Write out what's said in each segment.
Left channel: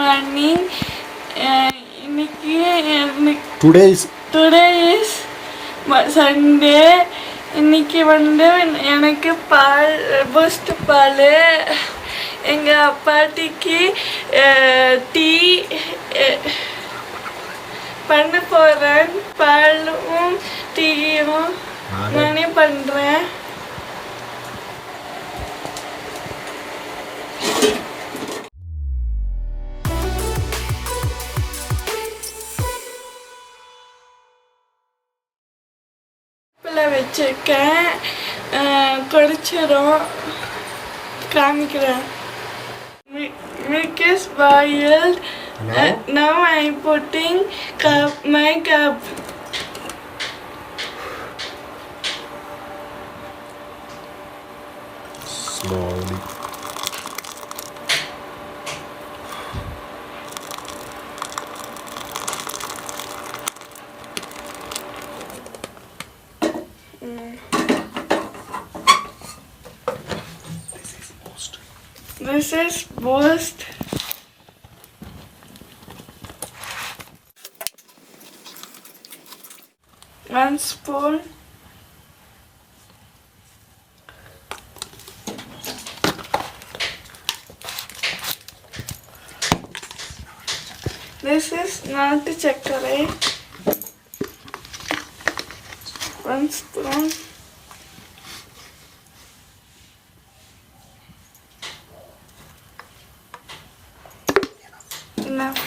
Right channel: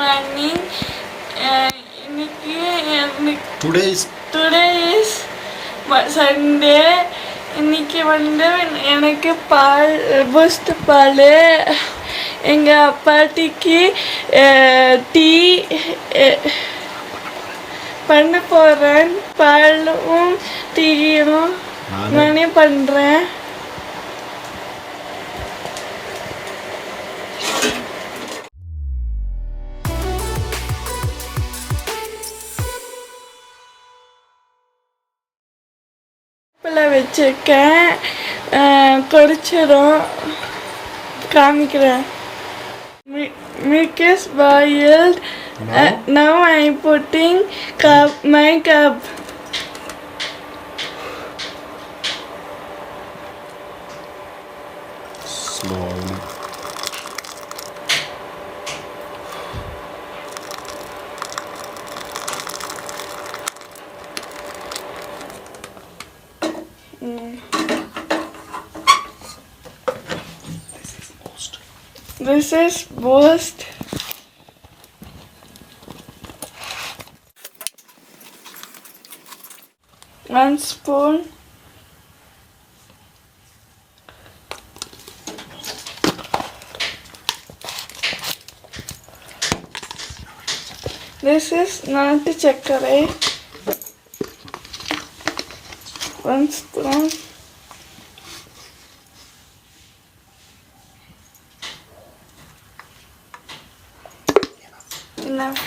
morning. இன்னைக்கு Today is Sunday. இன்னைக்கு எனக்கு பால் பூஸ்ட் பால் எங்கள் பாட்டிக்கு டீ பண்ண போகிறேன். பாலும் டீயும் நானே பண்ணுறேன். வச்சிருக்கேன், கொதிச்சிடும், காமிக்கிறேன். Milk is boiled. Now I'm putting my cup. Slowly. This is boost. One spoon. This is not chakrai. One spoon. Enough.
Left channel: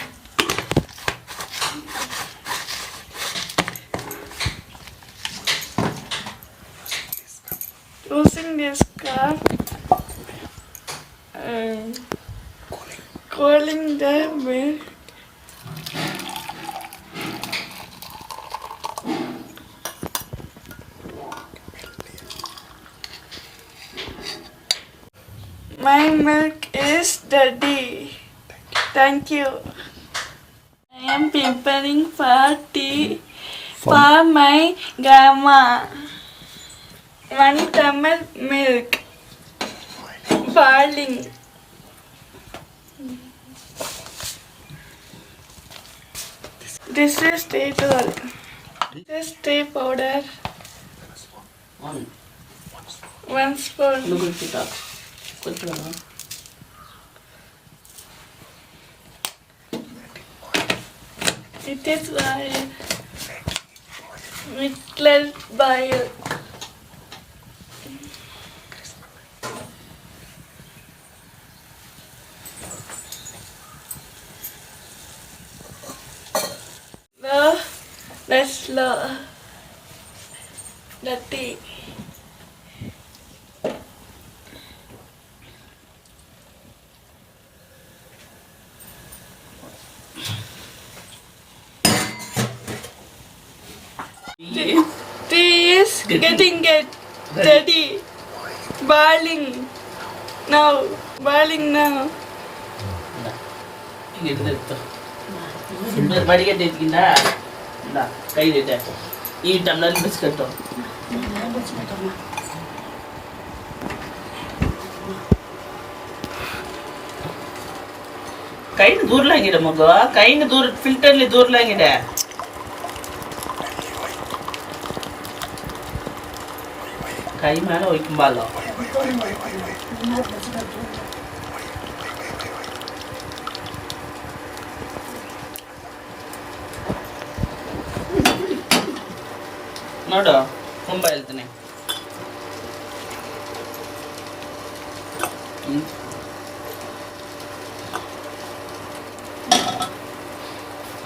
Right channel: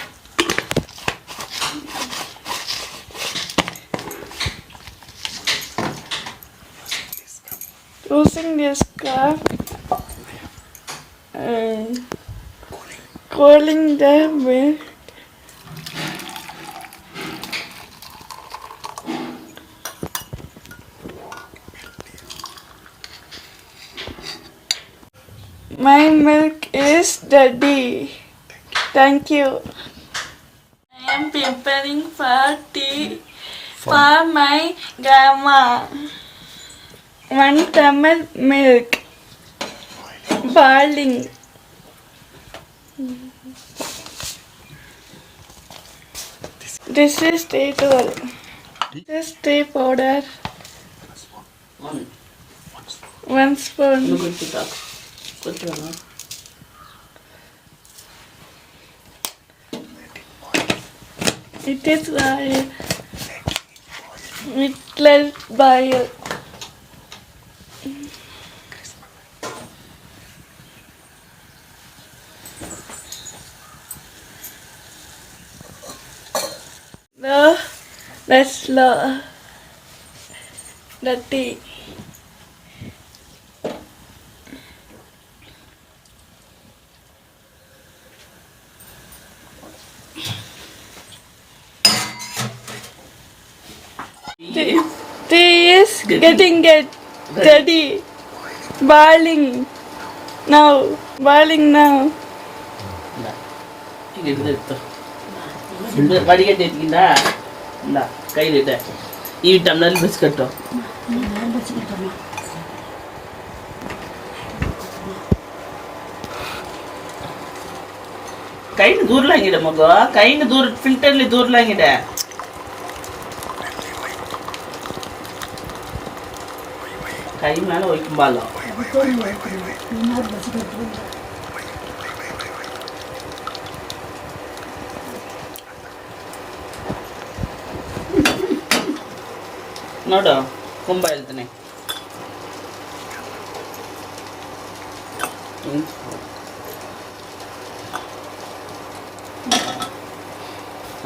Using this cup, cooling the milk. My milk is ready. Thank you. I am preparing for tea for my grandma. 1 tumbler milk. Boiling. This is tea towel. This is tea powder. One spoon. It is boil. Let boil. Now let's slow the tea. Tea is getting ready. Boiling now. Boiling now. வடிகட்டி எடுத்துக்கிண்டா இந்த கையில் இட்ட ఈ టమ్లర్ బిస్కెట్ కైని దూరలాంగిడ మగ కైని దూర ఫిల్టర్ಲಿ దూరలాంగిడ కై మేల ఒಯ್ಕೊಂಬಾಲ ನೋಡು ತುಂಬ ಹೇಳ್ತೀನಿ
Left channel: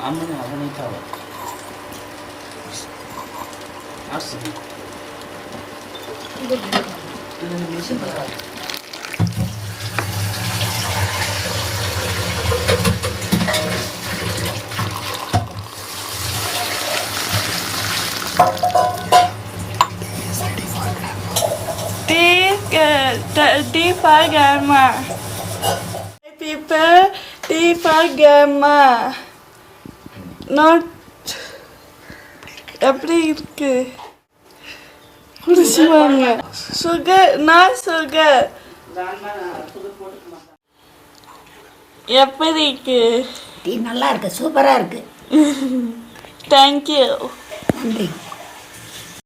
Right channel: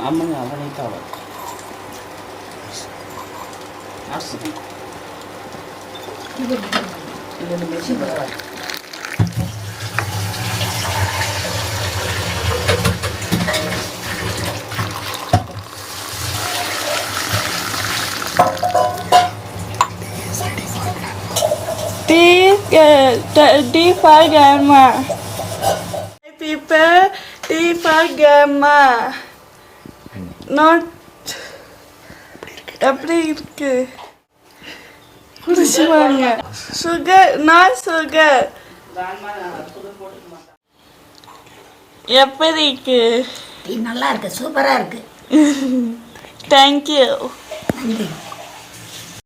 ಆಮೇಲೆ ಅವನೈತಾವ ಆಡ್ಸಿದ್ವಿ ಇದನ್ನು machine tea for grandma. People, tea for grandma. Not எப்படி இருக்கு குடிச்சுவாங்க. Sugar, not sugar. எப்படி இருக்கு? டீ நல்லா இருக்கு, சூப்பராக இருக்கு. தேங்க்யூ. நன்றி.